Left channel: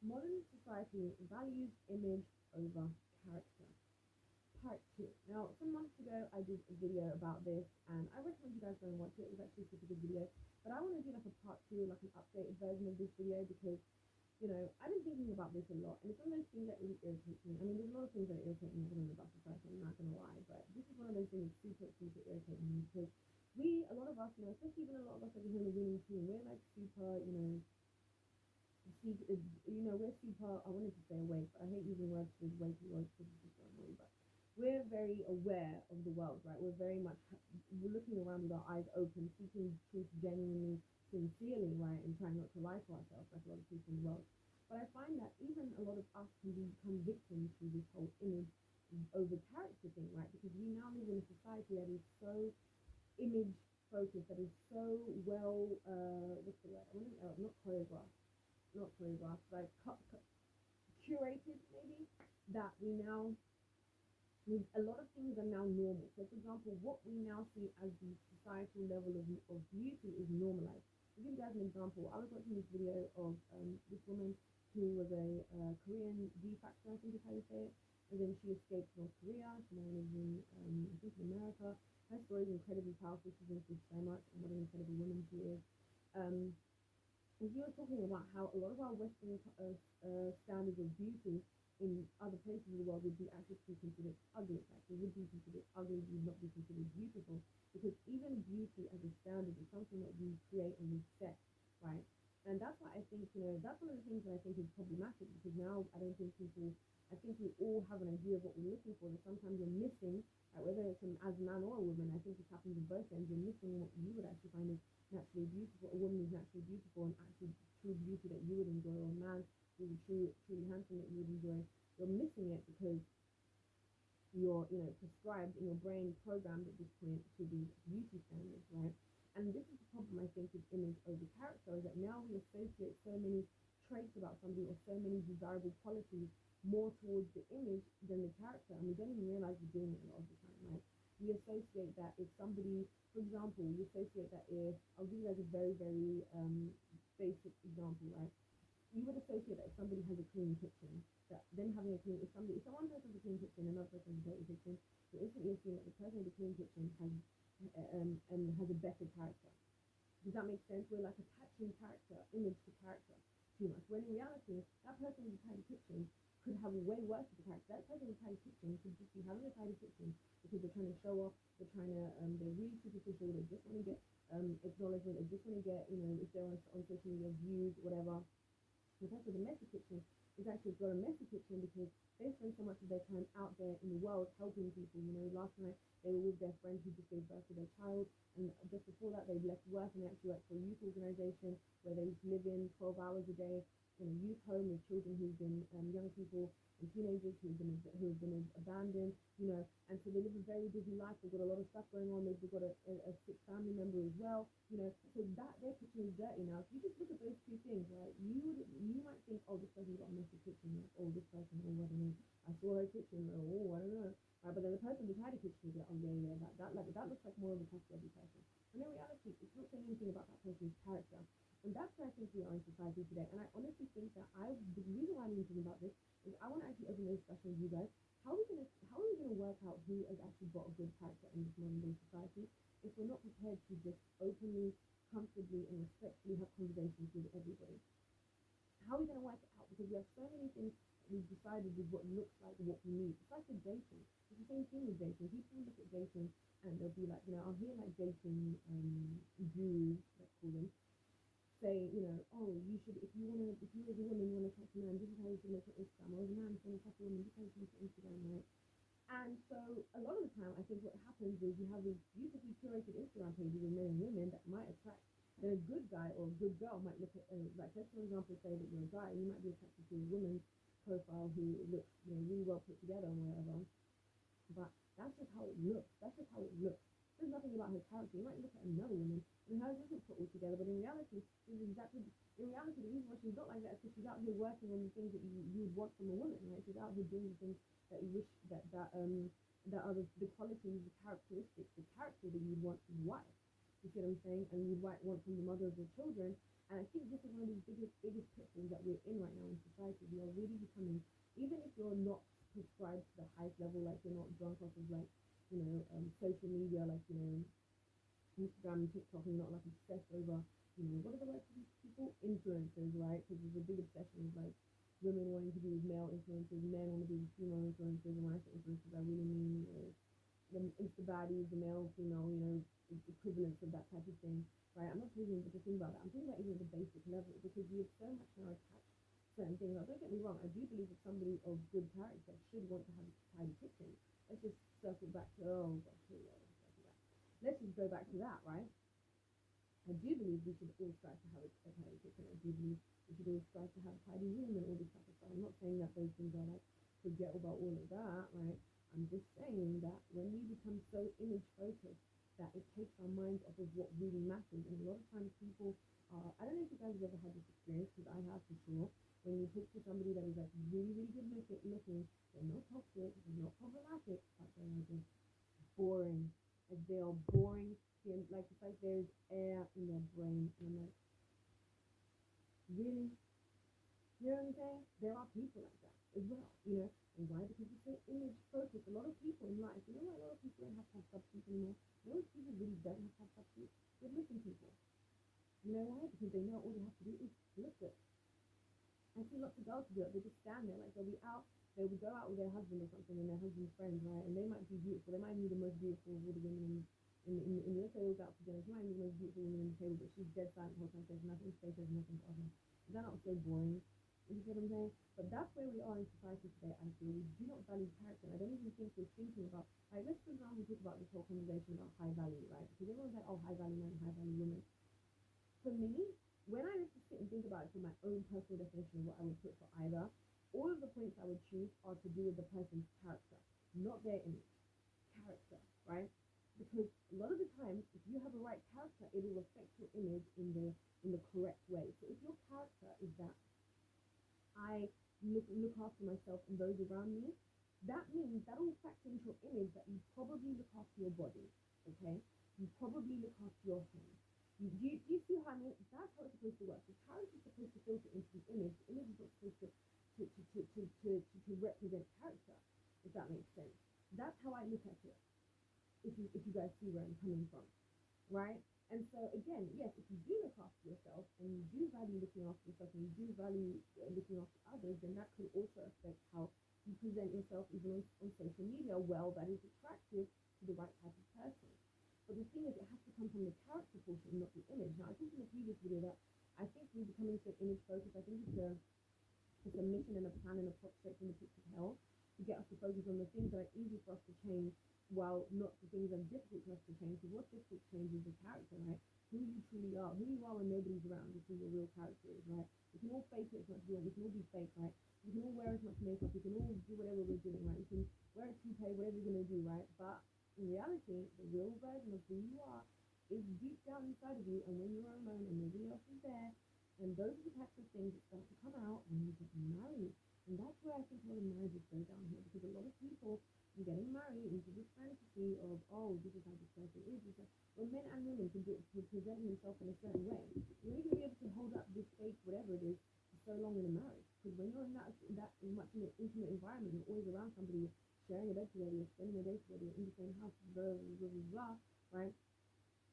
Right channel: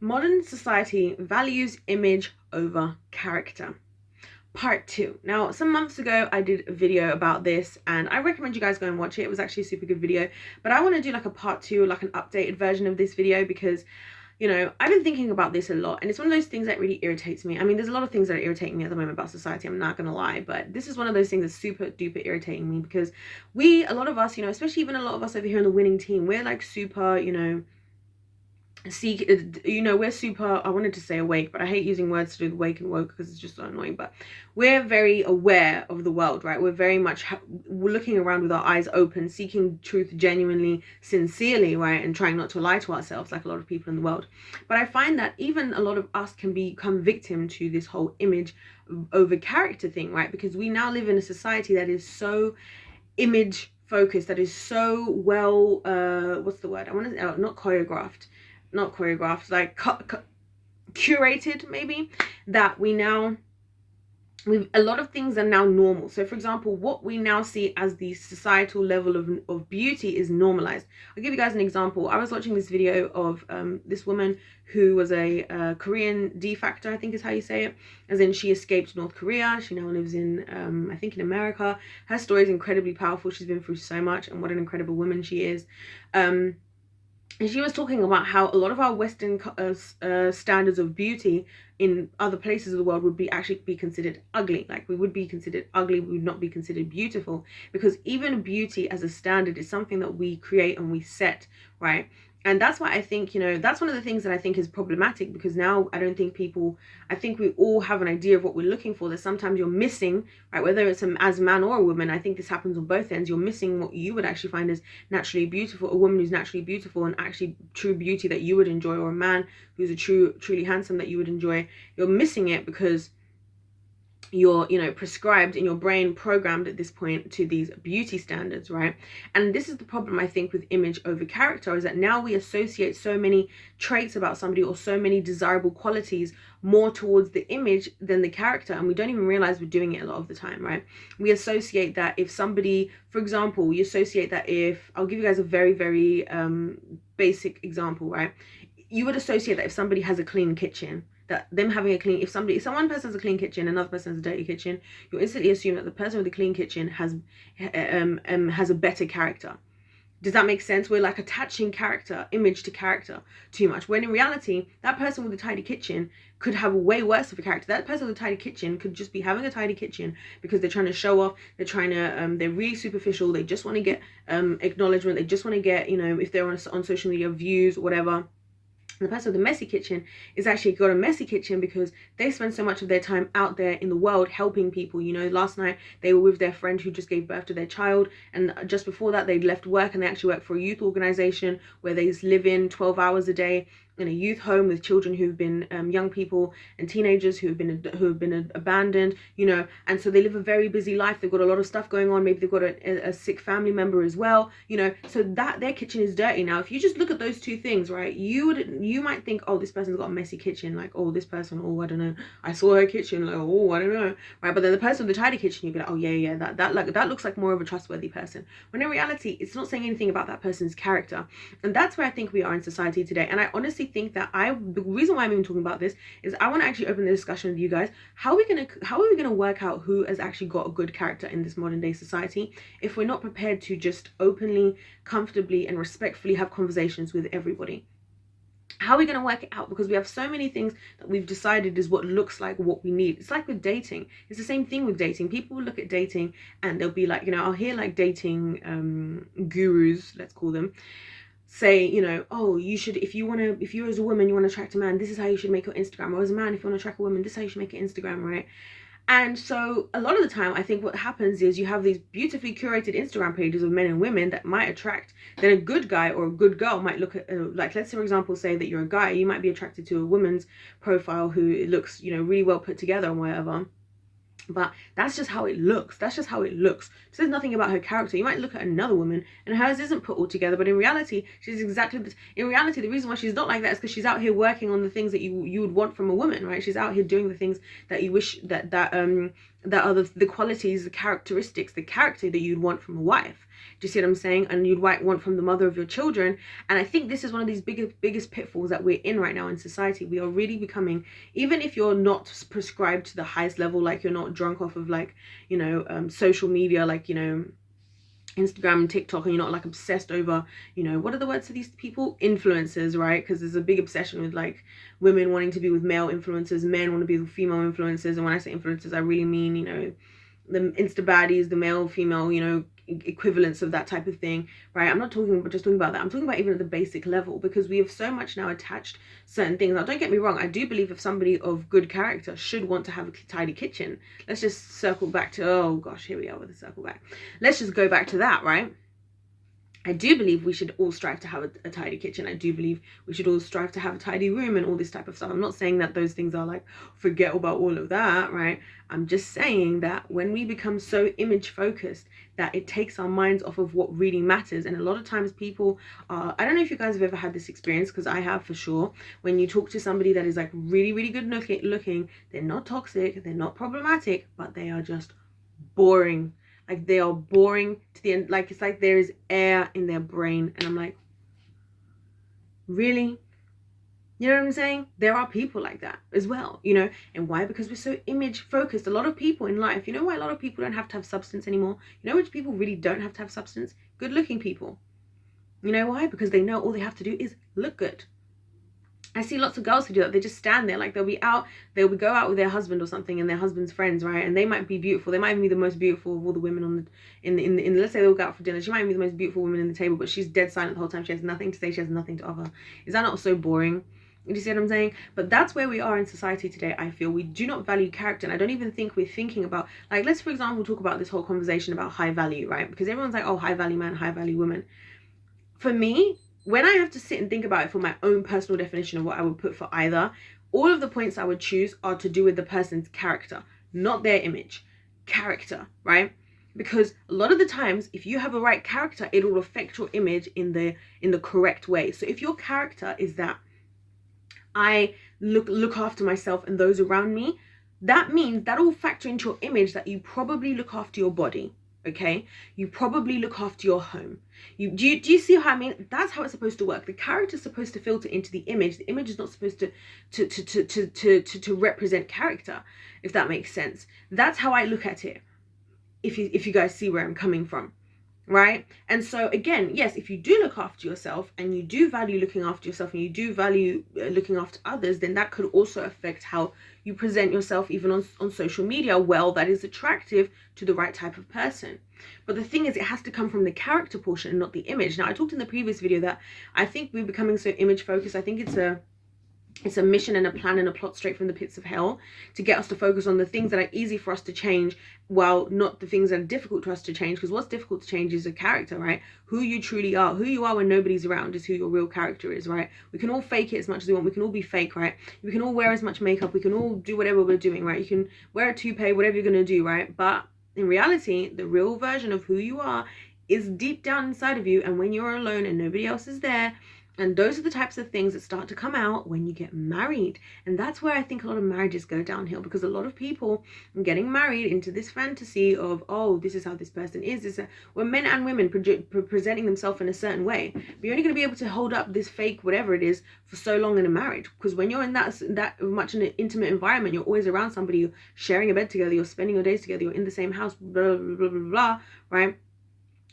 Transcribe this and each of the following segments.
Modern society values image over character. Part 2. Now, some months ago, I did a video about this, and I recommend you guys go and watch it. It was actually a super good video, but I want to do like a part 2, like an updated version of this video, because I've been thinking about this a lot, and it's one of those things that really irritates me. I mean, there's a lot of things that irritate me at the moment about society, I'm not gonna lie, but this is one of those things that's super duper irritating me, because a lot of us, especially even a lot of us over here on the winning team, we're like super, seek we're super, I wanted to say awake, but I hate using words to do with wake and woke because it's just so annoying, but we're very aware of the world, right? We're very much we're looking around with our eyes open, seeking truth genuinely, sincerely, right? And trying not to lie to ourselves like a lot of people in the world. But I find that even a lot of us can become victim to this whole image over character thing, right? Because we now live in a society that is so image focused, that is so well what's the word, I want to not choreographed, like curated, maybe, that a lot of things are now normal. So for example, what we now see as the societal level of beauty is normalized. I'll give you guys an example. I was watching this video of this woman who was a Korean de facto, I think is how you say it, as in she escaped North Korea. She now lives in I think in America. Her story is incredibly powerful. She's been through so much, and what an incredible woman she is. And she was talking about how a lot of our Western standards of beauty in other places of the world would actually be considered ugly. Like, we would be considered ugly, we would not be considered beautiful, because even beauty as a standard is something that we create and we set, right? And that's why I think, that's one of the things that I think is problematic, because now I don't think I think we all have an idea of what we're looking for. That sometimes you're missing, right? Whether it's as a man or a woman, I think this happens on both ends. You're missing what you would actually find as naturally beautiful, a woman who's naturally beautiful and actually true beauty that you would enjoy, or a man who's truly handsome that you would enjoy. You're missing it because you're prescribed in your brain, programmed at this point to these beauty standards, right? And this is the problem, I think, with image over character, is that now we associate so many traits about somebody, or so many desirable qualities, more towards the image than the character, and we don't even realize we're doing it a lot of the time, right? We associate that if somebody, for example, I'll give you guys a very, very basic example, right? You would associate that if somebody has a clean kitchen, that them having a clean, if one person has a clean kitchen, another person has a dirty kitchen, you instantly assume that the person with the clean kitchen has a better character. Does that make sense? We're like attaching image to character too much, when in reality, that person with a tidy kitchen could have way worse of a character. That person with a tidy kitchen could just be having a tidy kitchen because they're trying to show off, they're really superficial, they just want to get acknowledgement, they just want to get, if they're on social media, views, whatever. The person with the messy kitchen is actually got a messy kitchen because they spend so much of their time out there in the world helping people. Last night they were with their friend who just gave birth to their child, and just before that they'd left work and they actually work for a youth organization where they live in 12 hours a day in a youth home with children who've been young people and teenagers who have been abandoned, and so they live a very busy life. They've got a lot of stuff going on. Maybe they've got a sick family member as well, so that their kitchen is dirty. Now, if you just look at those two things, right, you might think, oh, this person's got a messy kitchen, like, oh, this person, oh, I don't know, I saw her kitchen, like, oh, I don't know, right? But then the person with the tidy kitchen, you'd be like, oh yeah, that looks like more of a trustworthy person, when in reality it's not saying anything about that person's character. And that's where I think we are in society today. And I honestly think that the reason why I'm even talking about this is I want to actually open the discussion with you guys. How are we gonna work out who has actually got a good character in this modern day society if we're not prepared to just openly, comfortably, and respectfully have conversations with everybody? How are we going to work it out? Because we have so many things that we've decided is what looks like what we need. It's like with dating. It's the same thing with dating. People will look at dating and they'll be like, I'll hear like dating gurus, let's call them, say, oh, you should, if you as a woman, you want to attract a man, this is how you should make your Instagram. Or as a man, if you want to attract a woman, this is how you should make your Instagram, right? And so a lot of the time, I think what happens is you have these beautifully curated Instagram pages of men and women that might attract. Then a good guy or a good girl might look at, like, let's say, for example, say that you're a guy, you might be attracted to a woman's profile who looks, really well put together and whatever. But that's just how it looks. That's just how it looks. It says nothing about her character. You might look at another woman and hers isn't put all together, but in reality, she's exactly this. In reality, the reason why she's not like that is because she's out here working on the things that you would want from a woman, right? She's out here doing the things that you wish that are the qualities, the characteristics, the character that you'd want from a wife. Do you see what I'm saying? And you'd want from the mother of your children. And I think this is one of these biggest pitfalls that we're in right now in society. We are really becoming, even if you're not prescribed to the highest level, like you're not drunk off of like, you know, social media, like, you know, Instagram and TikTok, and you're not like obsessed over, you know, what are the words to these people? Influencers, right? Because there's a big obsession with like women wanting to be with male influencers, men want to be with female influencers. And when I say influencers, I really mean, you know, the Insta baddies, the male, female, you know, equivalents of that type of thing, right? I'm not just talking about that. I'm talking about even at the basic level, because we have so much now attached certain things. Now, don't get me wrong. I do believe if somebody of good character should want to have a tidy kitchen. Let's just circle back to, oh gosh, here we are with the circle back. Let's just go back to that, right? I do believe we should all strive to have a tidy kitchen. I do believe we should all strive to have a tidy room and all this type of stuff. I'm not saying that those things are like, forget about all of that, right? I'm just saying that when we become so image focused that it takes our minds off of what really matters. And a lot of times people are, I don't know if you guys have ever had this experience, because I have for sure. When you talk to somebody that is like really, really good looking, they're not toxic, they're not problematic, but they are just boring. Like they are boring to the end. Like it's like there is air in their brain. And I'm like, really? You know what I'm saying? There are people like that as well, you know. And why? Because we're so image focused. A lot of people in life, you know why a lot of people don't have to have substance anymore? You know which people really don't have to have substance? Good looking people. You know why? Because they know all they have to do is look good. I see lots of girls who do that. They just stand there, like they'll go out with their husband or something, and their husband's friends, right? And they might be beautiful. They might even be the most beautiful of all the women on the in let's say they'll go out for dinner. She might be the most beautiful woman in the table, but she's dead silent the whole time. She has nothing to say. She has nothing to offer. Is that not so boring? Do you see what I'm saying? But that's where we are in society today. I feel we do not value character, and I don't even think we're thinking about, like, let's for example talk about this whole conversation about high value, right? Because everyone's like, oh, high value man, high value woman. For me, when I have to sit and think about it for my own personal definition of what I would put for either, all of the points I would choose are to do with the person's character, not their image. Character, right? Because a lot of the times, if you have a right character, it will affect your image in the correct way. So if your character is that I look after myself and those around me, that means that will factor into your image that you probably look after your body. Okay, you probably look after your home. Do you see how I mean? That's how it's supposed to work. The character is supposed to filter into the image. The image is not supposed to represent character, if that makes sense. That's how I look at it. If you guys see where I'm coming from, right? And so again, yes, if you do look after yourself and you do value looking after yourself and you do value looking after others, then that could also affect how you present yourself even on social media. Well, that is attractive to the right type of person. But the thing is, it has to come from the character portion and not the image. Now, I talked in the previous video that I think we're becoming so image focused. I think it's a mission and a plan and a plot straight from the pits of hell to get us to focus on the things that are easy for us to change, while not the things that are difficult to us to change. Because what's difficult to change is a character, right? Who you truly are. Who you are when nobody's around is who your real character is, right? We can all fake it as much as we want. We can all be fake, right? We can all wear as much makeup. We can all do whatever we're doing, right? You can wear a toupee, whatever you're going to do, right? But in reality, the real version of who you are is deep down inside of you. And when you're alone and nobody else is there, and those are the types of things that start to come out when you get married. And that's where I think a lot of marriages go downhill, because a lot of people are getting married into this fantasy of, oh, this is how this person is. Where men and women presenting themselves in a certain way. But you're only going to be able to hold up this fake whatever it is for so long in a marriage. Because when you're in that much in an intimate environment, you're always around somebody, you're sharing a bed together, you're spending your days together, you're in the same house, blah, blah, blah, blah, blah, right?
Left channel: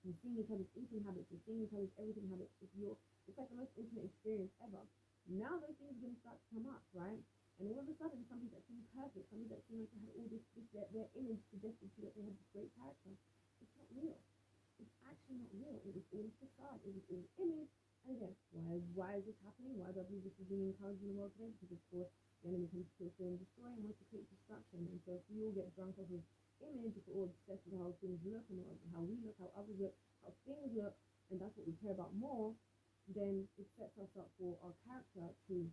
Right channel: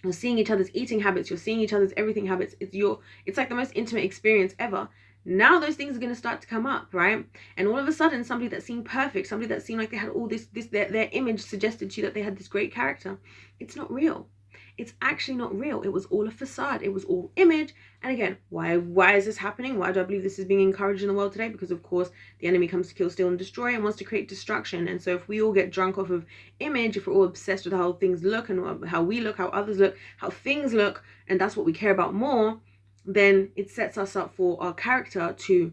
You're seeing each other's eating habits, you're seeing each other's everything habits. It's like the most intimate experience ever. Now those things are going to start to come up, right? And all of a sudden, somebody that seemed perfect, somebody that seemed like they had all their image suggested to you that they had this great character. It's not real. It's actually not real. It was all a facade. It was all image. And again, why is this happening? Why do I believe this is being encouraged in the world today? Because of course, the enemy comes to kill, steal, and destroy, and wants to create destruction. And so if we all get drunk off of image, if we're all obsessed with how things look and how we look, how others look, how things look, and that's what we care about more, then it sets us up for our character to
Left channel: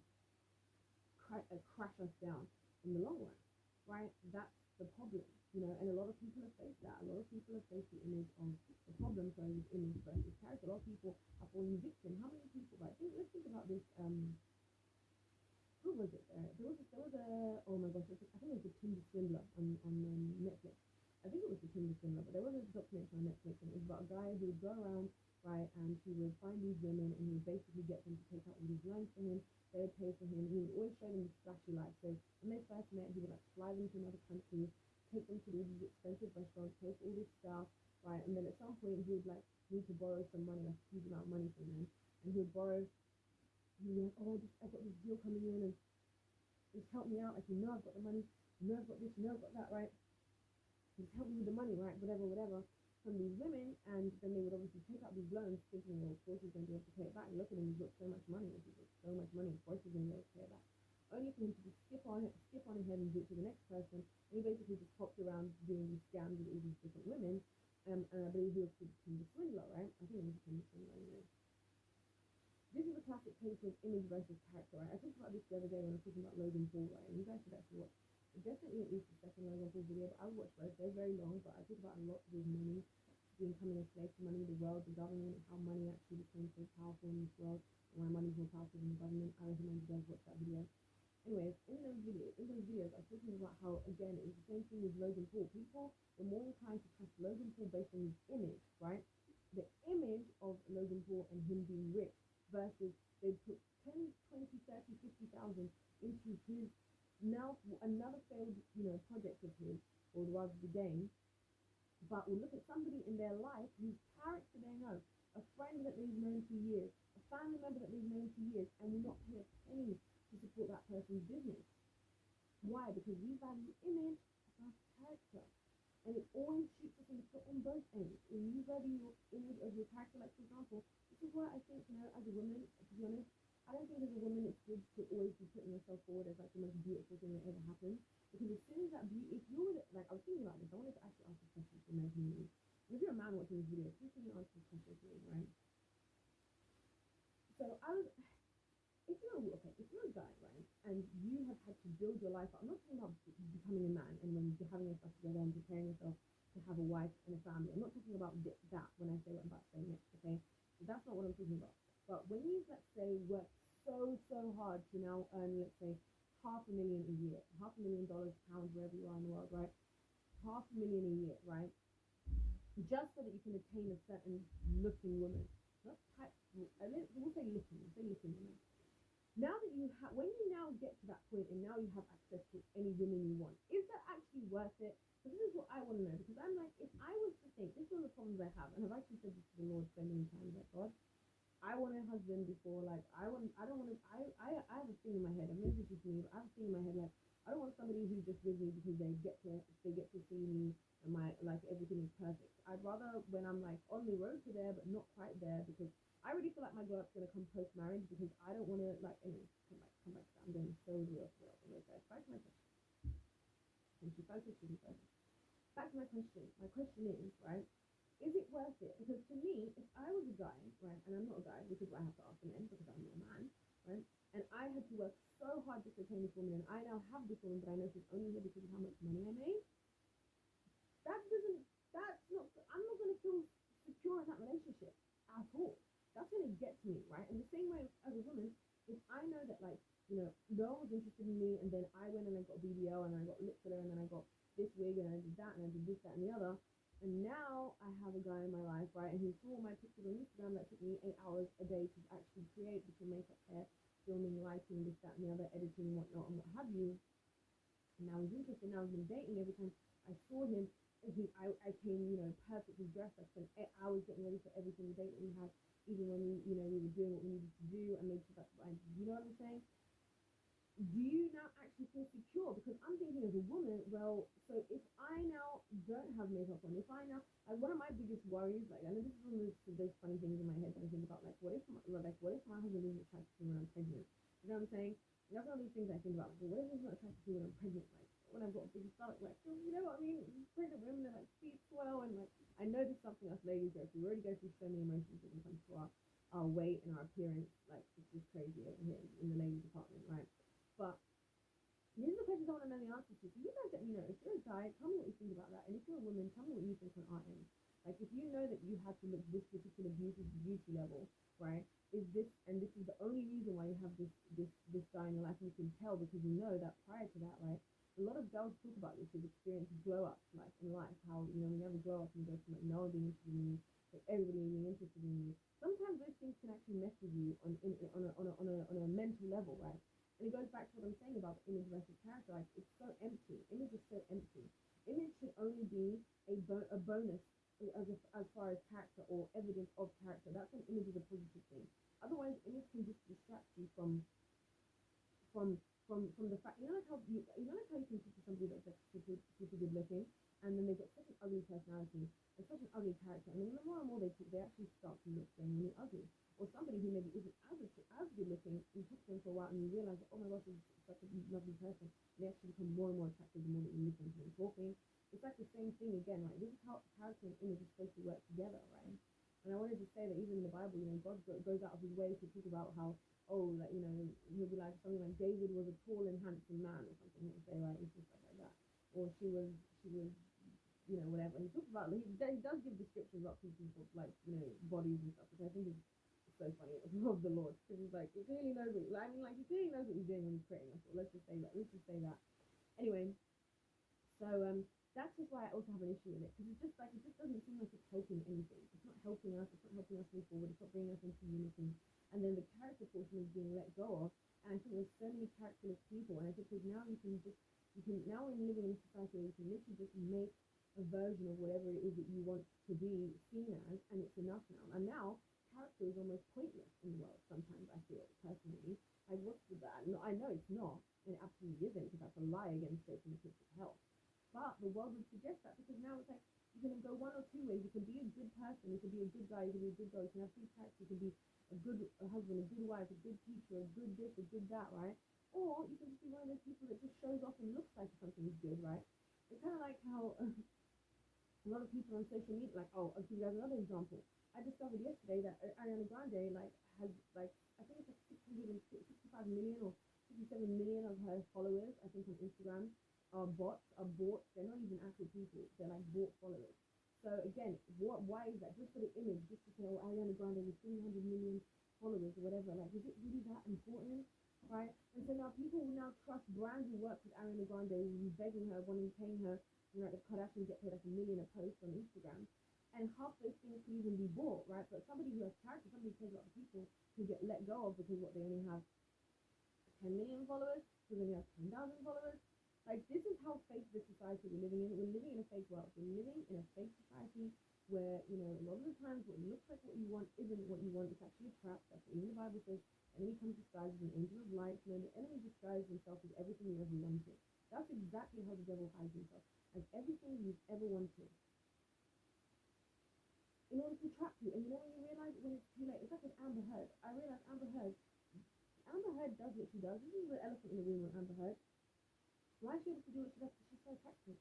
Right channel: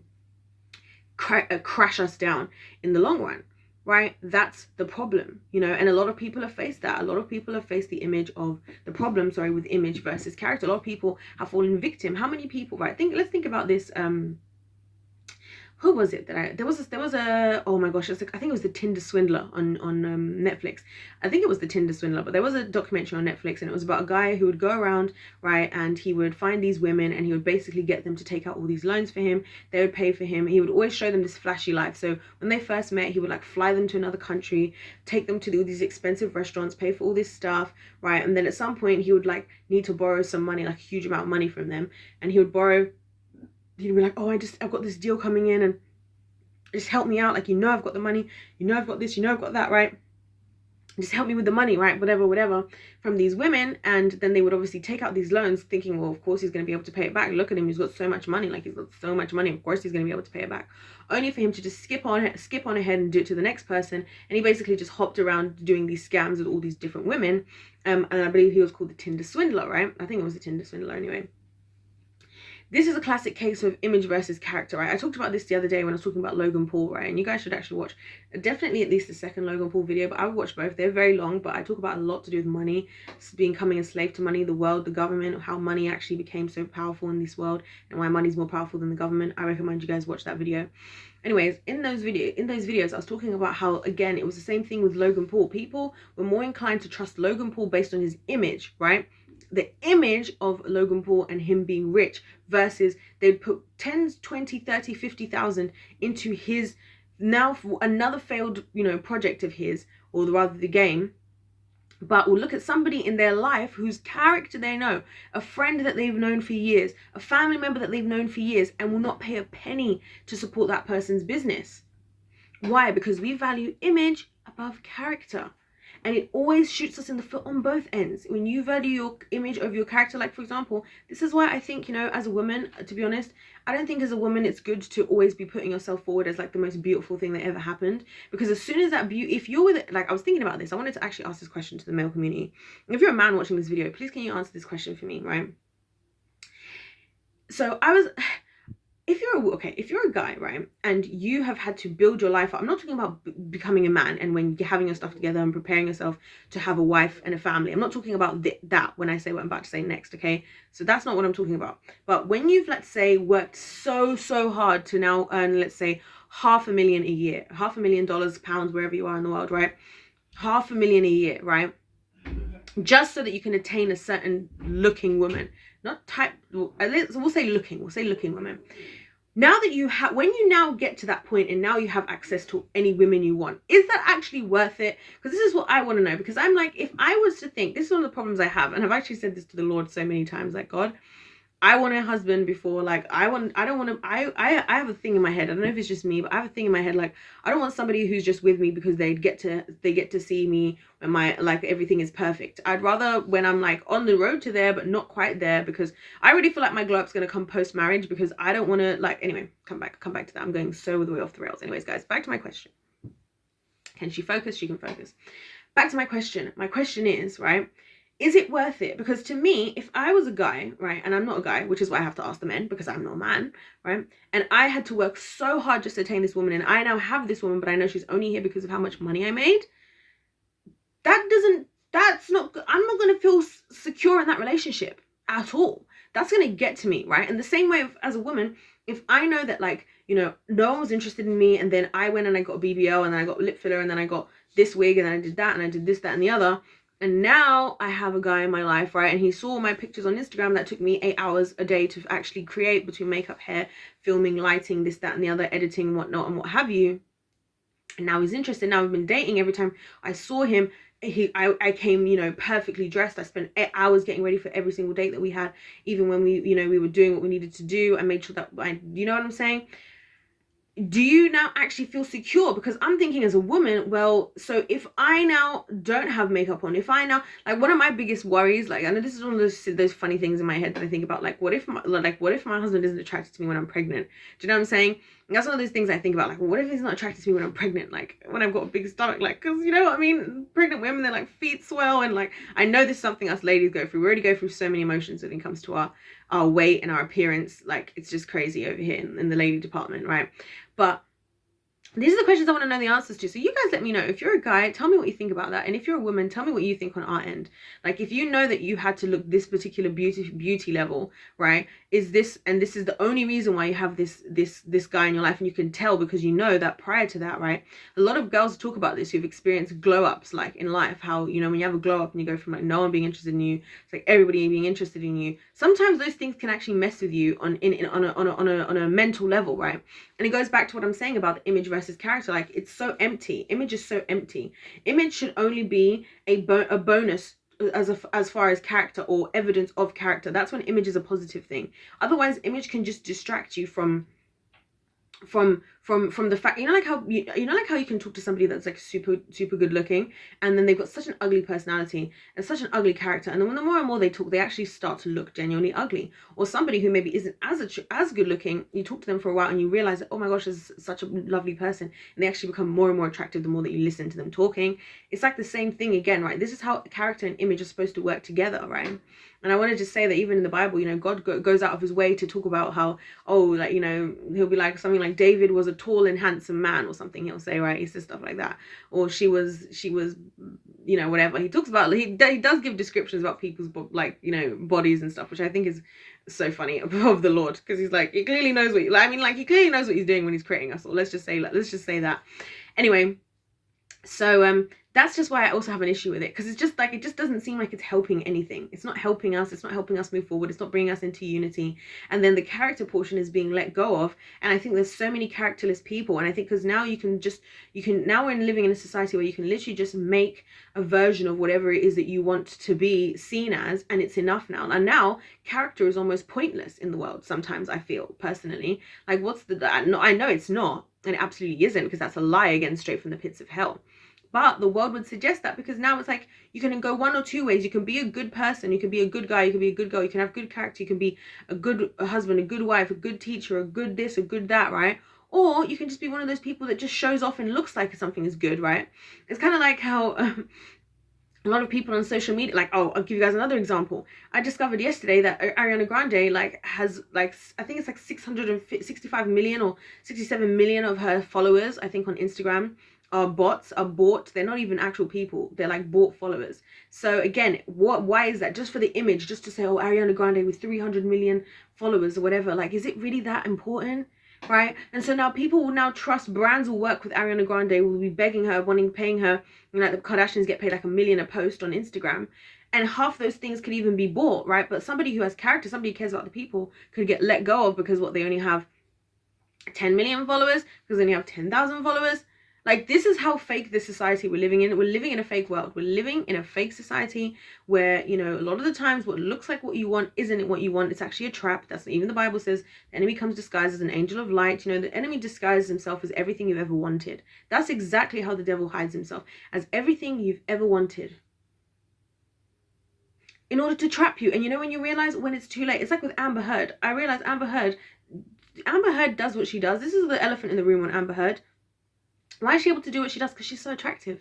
crash us down in the long run. Right? That's the problem, you know, and a lot of people have faced that. A lot of people have faced the problem with image versus character. A lot of people have fallen victim. How many people, right? Let's think about this. who was it that there was a oh my gosh, it's like, I think it was the Tinder Swindler on Netflix. I think it was the Tinder Swindler, but there was a documentary on Netflix, and it was about a guy who would go around, right, and he would find these women and he would basically get them to take out all these loans for him. They would pay for him. He would always show them this flashy life. So when they first met, he would like fly them to another country, take them to all these expensive restaurants, pay for all this stuff, right, and then at some point he would like need to borrow some money, like a huge amount of money from them, and he'd be like, oh, I've got this deal coming in and just help me out. Like, I've got the money, I've got this, I've got that, right? Just help me with the money, right? Whatever, from these women. And then they would obviously take out these loans thinking, well, of course he's going to be able to pay it back. Look at him. He's got so much money. Like, he's got so much money. Of course he's going to be able to pay it back. Only for him to just skip on ahead and do it to the next person. And he basically just hopped around doing these scams with all these different women. And I believe he was called the Tinder Swindler, right? I think it was the Tinder Swindler anyway. This is a classic case of image versus character, right? I talked about this the other day when I was talking about Logan Paul, right? And you guys should actually watch definitely at least the second Logan Paul video, but I would watch both. They're very long, but I talk about a lot to do with money, becoming a slave to money, the world, the government, how money actually became so powerful in this world, and why money's more powerful than the government. I recommend you guys watch that video. Anyways, in those videos, I was talking about how, again, it was the same thing with Logan Paul. People were more inclined to trust Logan Paul based on his image, right? The image of Logan Paul and him being rich, versus they'd put 10, 20, 30, 50,000 into his now another failed, project of his, or rather the game. But we'll look at somebody in their life whose character they know, a friend that they've known for years, a family member that they've known for years, and will not pay a penny to support that person's business. Why? Because we value image above character. And it always shoots us in the foot on both ends. When you value your image over your character, like for example, this is why I think, as a woman, to be honest, I don't think as a woman it's good to always be putting yourself forward as like the most beautiful thing that ever happened. Because as soon as that beauty, if you're with it, like I was thinking about this, I wanted to actually ask this question to the male community. If you're a man watching this video, please can you answer this question for me, right? So if you're a guy, right, and you have had to build your life up, I'm not talking about becoming a man and when you're having your stuff together and preparing yourself to have a wife and a family. I'm not talking about that when I say what I'm about to say next, okay? So that's not what I'm talking about. But when you've, let's say, worked so hard to now earn, let's say, $500,000 a year, $500,000, pounds, wherever you are in the world, right? $500,000 a year, right? Just so that you can attain a certain looking woman. Not type, we'll say looking women. Now that when you now get to that point and now you have access to any women you want, is that actually worth it? Because this is what I want to know. Because I'm like, if I was to think, this is one of the problems I have, and I've actually said this to the Lord so many times, like, God, I want a husband before, like, I have a thing in my head. I don't know if it's just me, but I have a thing in my head, like, I don't want somebody who's just with me because they get to see me when like everything is perfect. I'd rather when I'm like on the road to there, but not quite there, because I already feel like my glow up's going to come post marriage, because I don't want to, like, anyway, come back to that. I'm going so the way off the rails. Anyways, guys, back to my question. Can she focus? She can focus. Back to my question. My question is, right, is it worth it? Because to me, if I was a guy, right, and I'm not a guy, which is why I have to ask the men, because I'm not a man, right, and I had to work so hard just to attain this woman, and I now have this woman, but I know she's only here because of how much money I made, I'm not going to feel secure in that relationship at all. That's going to get to me, right? And the same way as a woman, if I know that, like, no one was interested in me, and then I went and I got a BBL, and then I got lip filler, and then I got this wig, and then I did that, and I did this, that, and the other, and now I have a guy in my life, right, and he saw my pictures on Instagram that took me 8 hours a day to actually create, between makeup, hair, filming, lighting, this, that, and the other, editing, whatnot, and what have you. And now he's interested. Now we've been dating. Every time I saw him, I came, perfectly dressed. I spent 8 hours getting ready for every single date that we had, even when we were doing what we needed to do. I made sure that you know what I'm saying? Do you now actually feel secure? Because I'm thinking as a woman, well, so if I now don't have makeup on, if I now, like, one of my biggest worries, like, I know this is one of those funny things in my head that I think about, like, what if my husband isn't attracted to me when I'm pregnant? Do you know what I'm saying? And that's one of those things I think about, like, well, what if he's not attracted to me when I'm pregnant, like, when I've got a big stomach, like, because you know what I mean? Pregnant women, they're like, feet swell, and like, I know this is something us ladies go through. We already go through so many emotions when it comes to our weight and our appearance. Like, it's just crazy over here in the lady department, right? But these are the questions I want to know the answers to. So you guys let me know. If you're a guy, tell me what you think about that. And if you're a woman, tell me what you think on our end. Like, if you know that you had to look this particular beauty level, right, is this, and this is the only reason why you have this guy in your life, and you can tell because you know that prior to that, right? A lot of girls talk about this who've experienced glow ups, like in life, how, you know, when you have a glow up and you go from like no one being interested in you, it's like everybody being interested in you. Sometimes those things can actually mess with you on a mental level, right? And it goes back to what I'm saying about the image versus character. Like, it's so empty. Image is so empty. Image should only be a bonus as far as character or evidence of character. That's when image is a positive thing. Otherwise, image can just distract you from the fact, you know, like how you can talk to somebody that's like super good looking, and then they've got such an ugly personality and such an ugly character, and then when the more and more they talk, they actually start to look genuinely ugly. Or somebody who maybe isn't as good looking, you talk to them for a while and you realize that, oh my gosh, this is such a lovely person, and they actually become more and more attractive the more that you listen to them talking. It's like the same thing again, right? This is how character and image are supposed to work together, right? And I wanted to say that even in the Bible, you know, God goes out of his way to talk about how, oh, like, you know, he'll be like something like David was a tall and handsome man or something, he'll say, right? He says stuff like that. Or she was, you know, whatever. He talks about, he does give descriptions about people's, like, you know, bodies and stuff, which I think is so funny of the Lord, because he's like, he clearly knows what, I mean, like, he clearly knows what he's doing when he's creating us. Or let's just say that. Anyway, so that's just why I also have an issue with it, because it's just like, it just doesn't seem like it's helping anything. It's not helping us. It's not helping us move forward. It's not bringing us into unity. And then the character portion is being let go of. And I think there's so many characterless people. And I think because now now we're living in a society where you can literally just make a version of whatever it is that you want to be seen as, and it's enough now. And now character is almost pointless in the world. Sometimes I feel personally like, I know it's not, and it absolutely isn't, because that's a lie, again, straight from the pits of hell. But the world would suggest that, because now it's like you can go one or two ways. You can be a good person, you can be a good guy, you can be a good girl, you can have good character, you can be a good husband, a good wife, a good teacher, a good this, a good that, right? Or you can just be one of those people that just shows off and looks like something is good, right? It's kind of like how a lot of people on social media, like, oh, I'll give you guys another example. I discovered yesterday that Ariana Grande has I think it's like 665 million or 67 million of her followers, I think, on Instagram are bots, are bought. They're not even actual people. They're like bought followers. So again, why is that? Just for the image, just to say, oh, Ariana Grande with 300 million followers or whatever. Like, is it really that important? Right? And so now people will now trust, brands will work with Ariana Grande, will be begging her, paying her, you know, like the Kardashians get paid like $1 million a post on Instagram. And half those things could even be bought, right? But somebody who has character, somebody who cares about the people, could get let go of because they only have 10 million followers, because they only have 10,000 followers. Like, this is how fake this society we're living in. We're living in a fake world. We're living in a fake society where, you know, a lot of the times what looks like what you want isn't what you want. It's actually a trap. That's even the Bible says the enemy comes disguised as an angel of light. You know, the enemy disguises himself as everything you've ever wanted. That's exactly how the devil hides himself, as everything you've ever wanted, in order to trap you. And you know, when you realize when it's too late, it's like with Amber Heard. I realized Amber Heard does what she does. This is the elephant in the room on Amber Heard. Why is she able to do what she does? Because she's so attractive.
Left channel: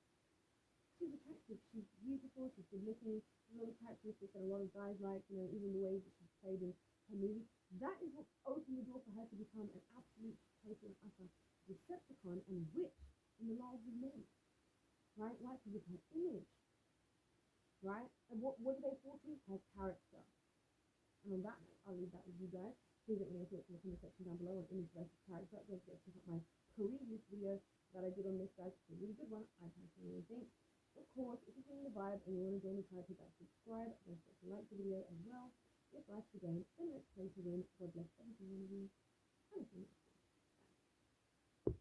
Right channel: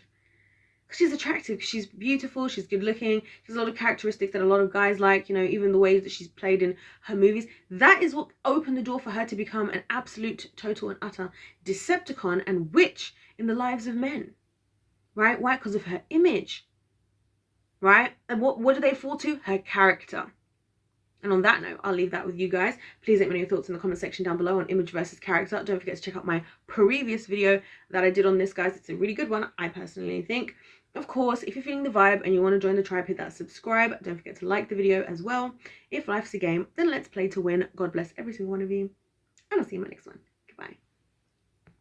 She's attractive. She's beautiful. She's good looking. She has a lot of characteristics that a lot of guys like. You know, even the ways that she's played in her movies. That is what opened the door for her to become an absolute, total, and utter Decepticon and witch in the lives of men. Right? Why? Because of her image. Right? And what do they fall to? Her character. And on that note, I'll leave that with you guys. Please let me know your thoughts in the comment section down below on image versus character. Don't forget to check out my previous video that I did on this, guys. It's a really good one, I personally think. Of course, if you're feeling the vibe and you want to join the tribe, hit that subscribe. Don't forget to like the video as well. If life's a game, then let's play to win. God bless every single one of you. And I'll see you in my next one.